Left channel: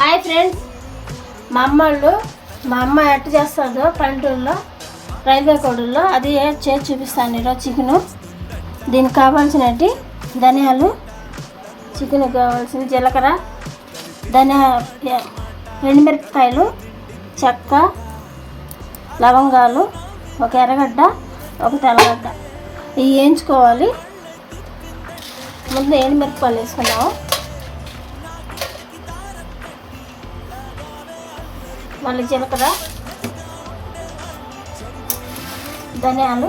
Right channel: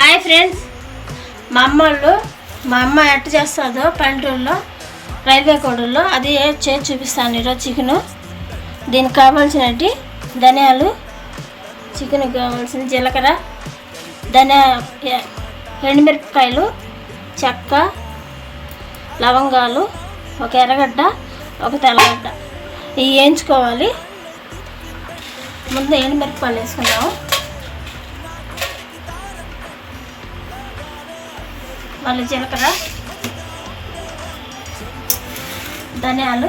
Hi friends. మా అమ్మ వాళ్ళు మా అమ్మ ఎట్ట చేస్తుందో పల్లెటూరులో రైల్వే కోడూరులో అది చేసి చూపిస్తాను ఈరోజు చికెను. దీనికి కావాల్సినవి ధనియాలు చికెన్ కావాల్సిన జీలకర్ర ధనియా ఎండుమిరపకాయలు చెక్క లవంగాలు ఒక ఎర్రగడ్డ ఒక తెల్లగడ్డ. ఇవి వేయించుకోవాలి. ముందు ఎండుమిరపకాయలు వేసుకున్నాము మళ్ళీ జీలకర్ర ధనియాలు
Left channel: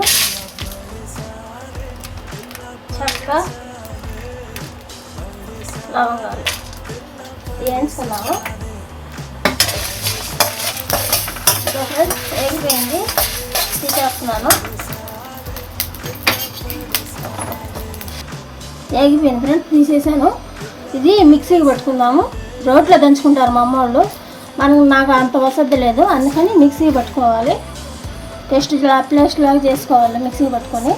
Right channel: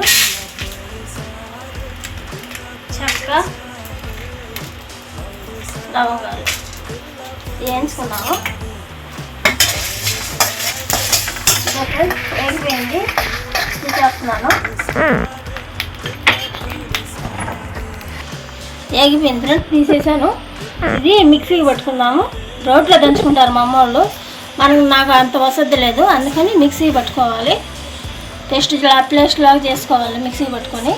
చెక్క లవంగాలు వేయించుకున్నాము. వేగిపోయింది తీసేస్తున్నాను. వేగిపోయింది ఫ్రెండ్స్ తీసేసాను. ఇది మిక్సీకి పట్టుకున్నాము రోట్లో దంచుకుంటారు మా అమ్మ వాళ్ళు. మనం నాకు అంత వసతి లేదు. అందుకని మిక్సీ పట్టుకోవాలి. టేస్ట్ ప్లేస్ట్ లాగా చేసుకోవాలి మిక్సీ పట్టుకొని.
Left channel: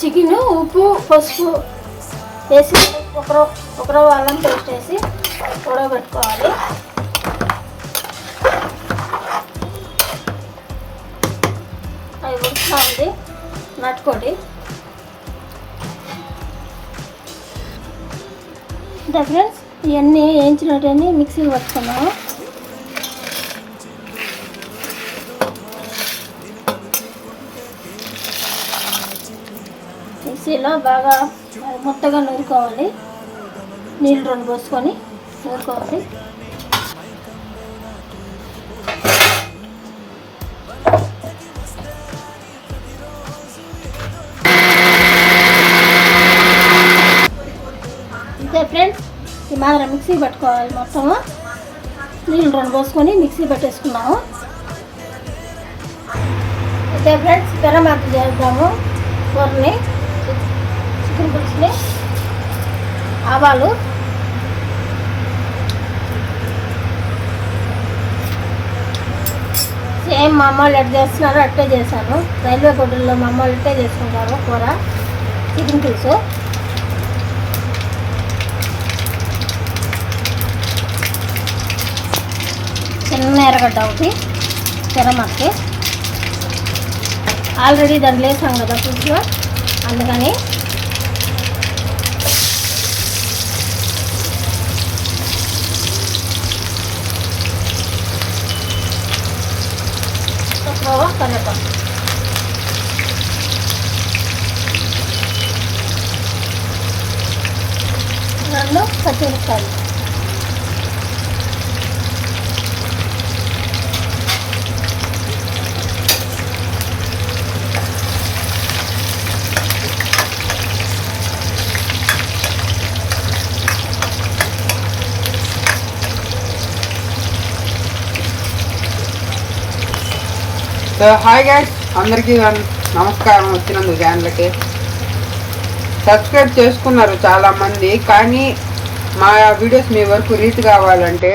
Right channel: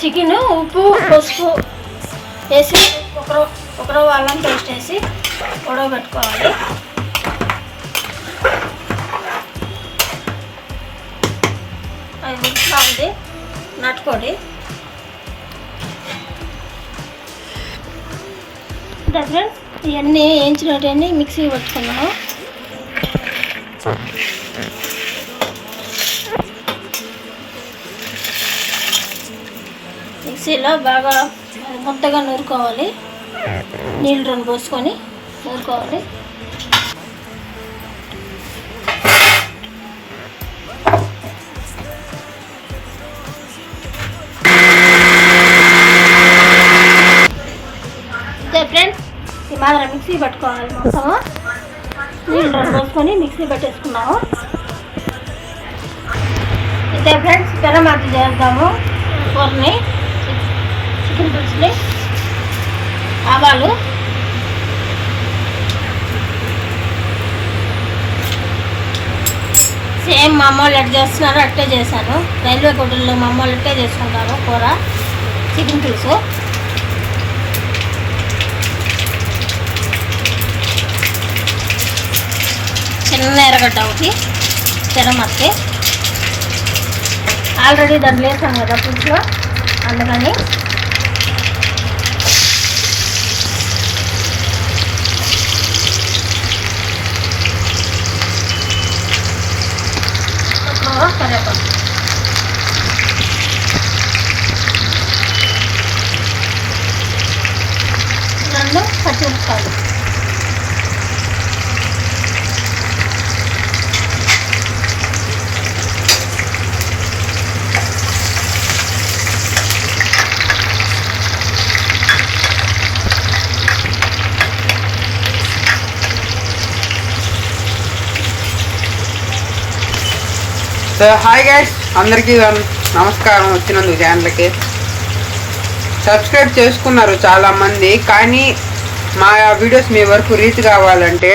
చికెన్ ఉప్పు పసుపు వేసి ఒకరో ఒకరో వాళ్ళని టేస్ట్ వేసి ఉడకబెట్టుకోవాలి. అది ఉడుకుతా ఉంది. నట్టుకోండి. ఫ్రెండ్స్? ఇవన్నీ వేయించినవన్నీ మిక్సీ పట్టుకున్నాము మిక్సీలో బాగా మొత్తగా నూరుకోవాలి. నీళ్ళు రెండు పోసుకొని నూరుకోవాలి. ఈ మిక్సీ పట్టుకోవాలి మొత్తము నీళ్ళు రెండు పోసుకొని మిక్సీ పెట్టేసుకున్నాము. అయితే ఫ్రెండ్స్ పెరమాట చేద్దాము. కూరని. చికెన్ పులుసుని ఆవాలు. సేమ్ మా అమ్మ వాళ్ళు ఎట్లా చేస్తున్నారు అట్టే చేశాను. రైల్వే హోటల్లో మా అమ్మ వాళ్ళు అట్టే చేసుకుంటారు కూర. చికెన్ పులుసు చిన్న ఎర్రగడ్డ ఒకటి తెరమత్తి ఆల్రెడీ దాంట్లో వేసాం కదా పులుసు అందుకని. ఒక కరివేపాకు పచ్చిమిరపకాయలు. సో హాయ్ గ్యాస్ అందరికీ నమస్కారం వచ్చినందుకు ఛానల్కి సబ్స్క్రైబ్ చేసుకున్నారు చాలామంది కానీ మా వీడియోస్ మీ వరకు రీచ్ కావాలంటే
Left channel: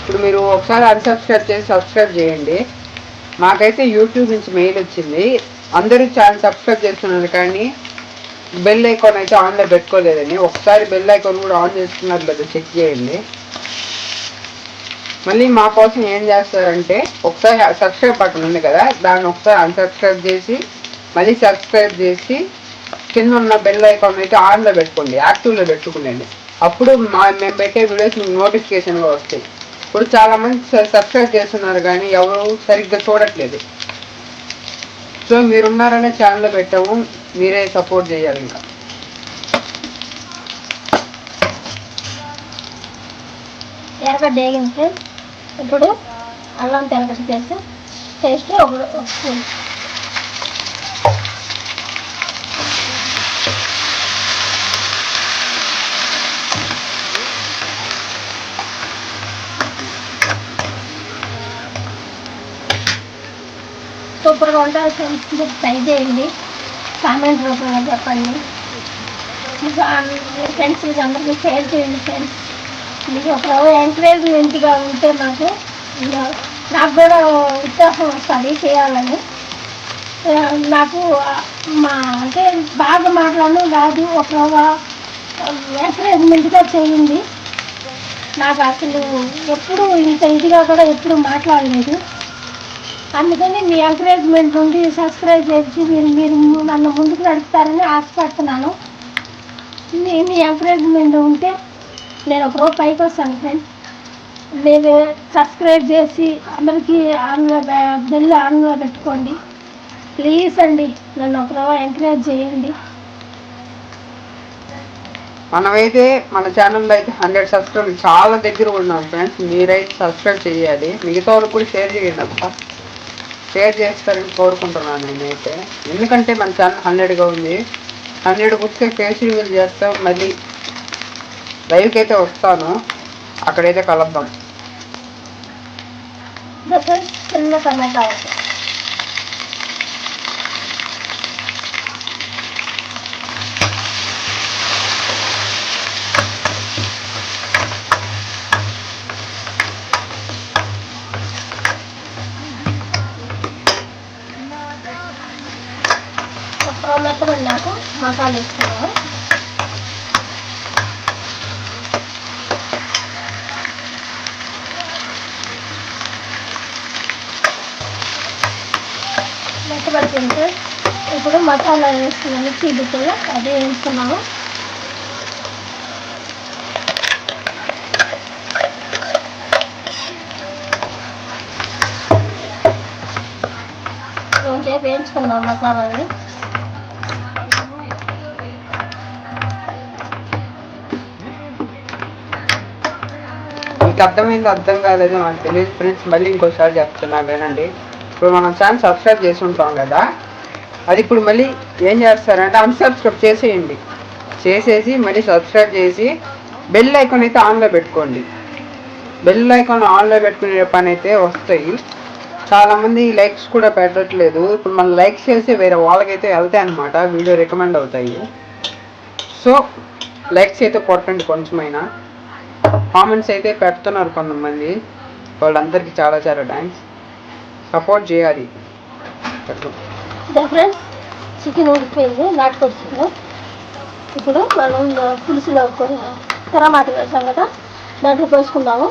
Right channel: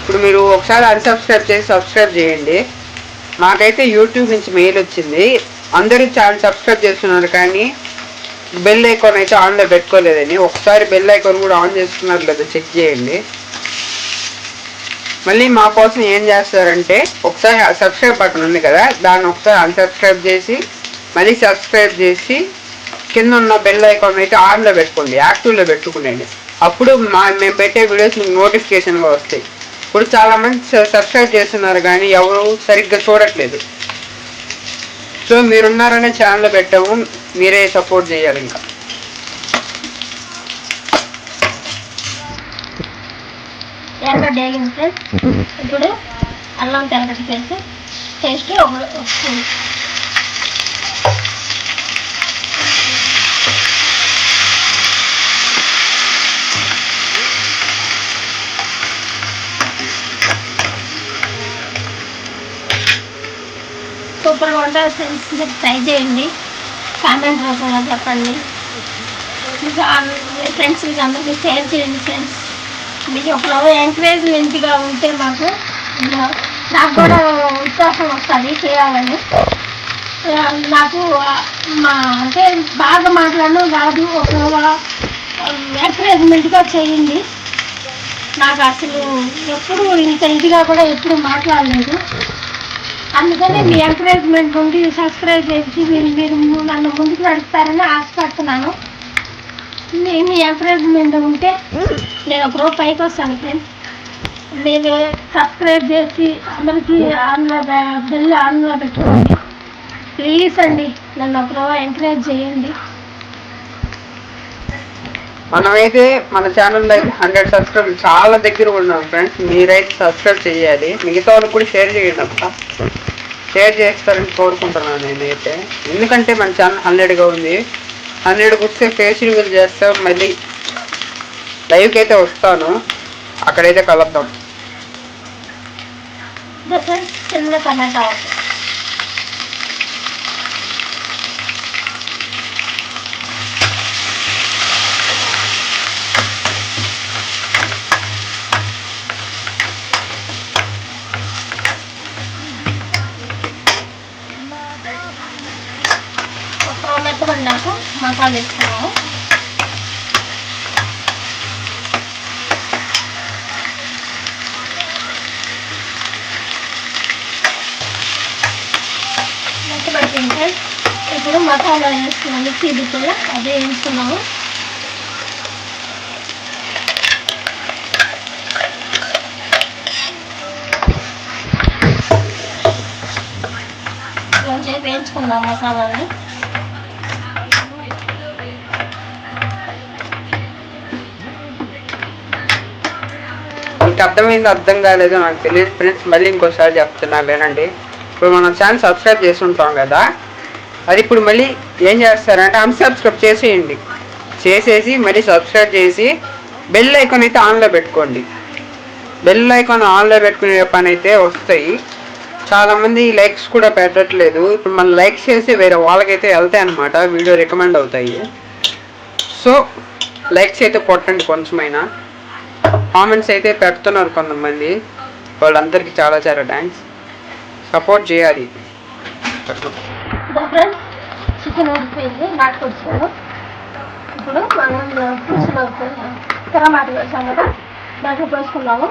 ఇప్పుడు మీరు ఒకసారి అన్సబ్స్క్రైబ్ చేసి సబ్స్క్రైబ్ చేయండి. మాకైతే యూట్యూబ్ నుంచి మెయిల్ వచ్చింది. అందరూ ఛానల్ సబ్స్క్రైబ్ చేస్తున్నారు కానీ బెల్ ఐకాన్ అయితే ఆన్లో పెట్టుకోలేదని ఒకసారి బెల్ ఐకాన్ కూడా ఆన్ చేసుకున్నారు లేదా చెక్ చేయండి. మళ్ళీ మా కోసం ఏం చేస్తారంటే ఒకసారి సబ్స్క్రైబ్ బటన్ ఉంది కదా దాన్ని ఒకసారి అన్సబ్స్క్రైబ్ చేసి మళ్ళీ సబ్స్క్రైబ్ చేసి కింద ఉన్న బెల్ ఐకాన్ అయితే ఆన్లో పెట్టుకోండి యాక్టివ్లో పెట్టుకోండి అప్పుడు మా మేము పెట్టే వీడియోస్ మీకు నోటిఫికేషన్గా వస్తాయి. ఇప్పుడు చాలామంది సబ్స్క్రైబ్ చేస్తున్నారు కానీ ఎవరు సరిగ్గా చూడట్లేదు. సో మీరున్నారనే ఛానల్లో పెట్టాము మీరే సపోర్ట్ చేయాలి ఇంకా. ఎర్రగడ్డ వేగింది ఫ్రెండ్స్ ఇప్పుడు అల్లం తెల్లగడ్డ పేస్ట్ టేస్ట్ ఒక స్పూన్. సూపర్గా ఉంటుంది ఫ్రెండ్స్. మీరు ట్రై చేయండి. కామెంట్ రూపంలో చెప్పండి. ఫ్రెండ్స్ మీకు అందరికీ షేర్ చేయండి ఫ్రెండ్స్. మీకు ఒక ఎంకరేజ్మెంట్గా ఉంటే మాకు నాకు కూడా ఉత్సాహం వస్తుంది చేయాలని. నాకు మా అంటే బాగా మాట్లాడడం కాదు ఒక ఎంకరేజ్మెంట్గా చేయండి. నాకు అసలు ఎప్పుడు ఇంత ఇదిగా కూడా ఎప్పుడు మాట్లాడలేదు. అందుకని మీ ఎంకరేజ్మెంట్ ఉండి సబ్స్క్రైబ్ చేసి మీరు మీరు నన్ను ముందుకు నడుపుతారని ఆశపడుతున్నాను. నేను మీ ఎంకరేజ్మెంట్ ఉంటే నేను ఒక రోజు పైకి వస్తాను ఫ్రెండ్స్ మీరు సబ్స్క్రైబ్ చేసి అందరికీ ఆన్లో బెల్ ఆన్లో పెట్టుకోండి. ప్లీజ్ అండి నన్ను ఒక రోజు ఎంకరేజ్ చేయండి. మనమైతే మన ఛానల్లో అయితే హండ్రెడ్ సబ్స్క్రైబ్ చాలా దగ్గర ఉన్నాం ఫ్రెండ్స్ మీరైతే సబ్స్క్రైబ్ చేయాలి. మిగతా వాళ్ళకి కూడా షేర్ చేయండి అక్క షేర్ చేస్తారని కోరుకుంటున్నాను నేనైతే. ఎందుకంటే మన ఛానల్ హండ్రెడ్గా ఉంది. హండ్రెడ్ బుక్స్ ఫేస్ రివ్యూలు చేస్తాం మళ్ళీ లైవ్కి అయితే వస్తాను. అక్కడైతే కలుద్దాం. మసాలా మసాలా వేసుకున్నాము మెత్తబడిపోయింటే ఇప్పుడు మసాలా వేసుకున్నాను మిక్సీ బిట్టలు అదే వేస్తున్నాము కొంచెం వేయించుకుందాం మసాలాని. మీకు అర్థమైంది అర్థం కాలేదో నాకు తెలియదు ఫ్రెండ్స్ మళ్ళీ ఇంకోసారి చెప్తున్నా వినండి. ఇప్పుడు మనం ఛానల్ సబ్స్క్రైబ్ చేసి ఉంటాం కదా అది ఇప్పుడు మళ్ళీ ఏం చేస్తారంటే అన్సబ్స్క్రైబ్ చేసేయండి. చేసేసి మళ్ళీ సబ్స్క్రైబ్ చేసి బెల్ ఐకాన్ అయితే ఆన్లో పెట్టుకోండి. బెల్ ఐకాన్ ఆన్లో పెట్టుకునే పని అయితే వస్తాయి. చాలామంది లైక్స్ కూడా పెట్టట్లేదు. ఇప్పుడు మనం లైక్స్ చేసి వేరే వాళ్ళకైతే వెళ్తాయి అనమాట వీడియో రికమెండ్ అవుతాయి. సో లైక్స్ అయితే కొట్టండి కొంచెమైనా. కామెంట్స్ అయితే పెడుతున్నారు కొంతమంది. వాళ్ళందరికీ చాలా చాలా థ్యాంక్స్ సపోర్ట్ చేయాలి. చికెన్ ఉడిపోయింది నాటుకొచ్చాను ఇప్పుడు మనం పీసులో టమాటా వేసాం కదా దాంట్లో పోసుకున్నాము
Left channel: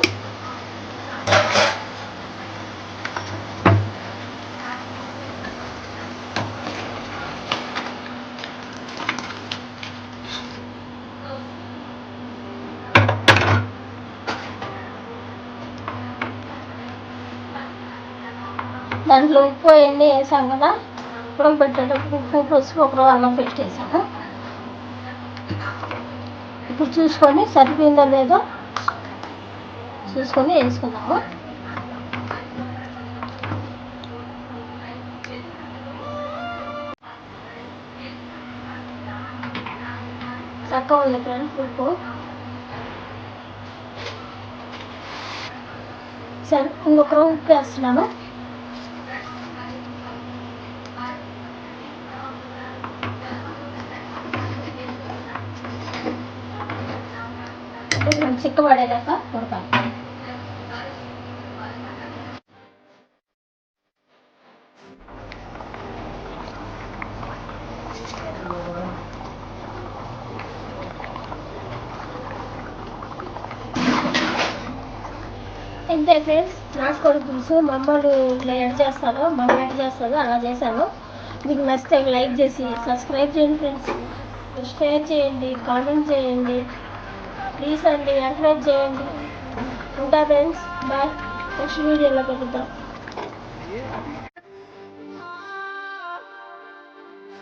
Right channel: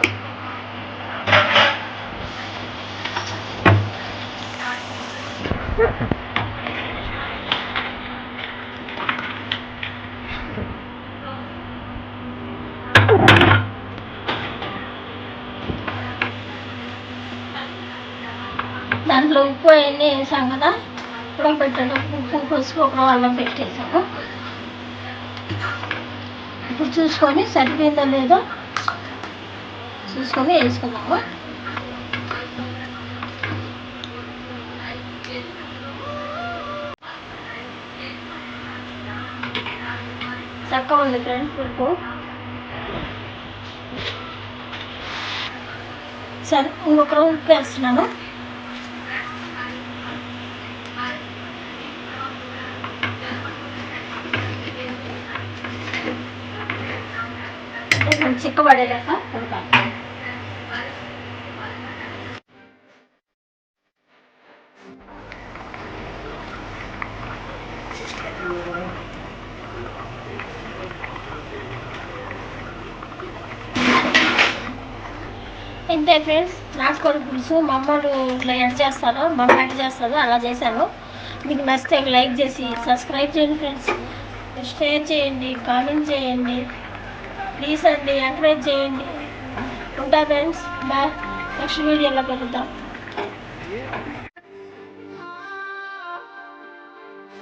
దాంట్లో ఉప్పు అవన్నీ వేసాం కదా. ఇప్పుడు పెట్టేటప్పుడు ఉప్పు పసుపు ఒక అన్నం పెట్టేసాము. ఇప్పుడు చూసుకొని సరిపోయిందో లేదో చూసుకొని వేసుకుందాము. చక్కగా ఉంది ఫ్రెండ్ పులుపు. సరే ఇంకొక ఉప్పు వేస్తున్నాను. చిక్క చిక్కబడేదాకా ఉడకాలి ఇంతే ఫ్రెండ్స్ నాటుకోడి పులుసు మా అమ్మలు ఇట్లా ఎడ్ చేస్తాను మా అమ్మ ఎడ్ చేస్తాను అలా చేశాను. మీకు నచ్చితే లైక్ చేసి సబ్స్క్రైబ్ చేయండి ఫ్రెండ్స్. షేర్ చేయండి కామెంట్ చేయండి. ప్లీజ్ అండి ఎంకరేజ్ చేయండి. ఉంటా ఫ్రెండ్స్ బాయ్. నెక్స్ట్ వీడియోలో కలుద్దాం.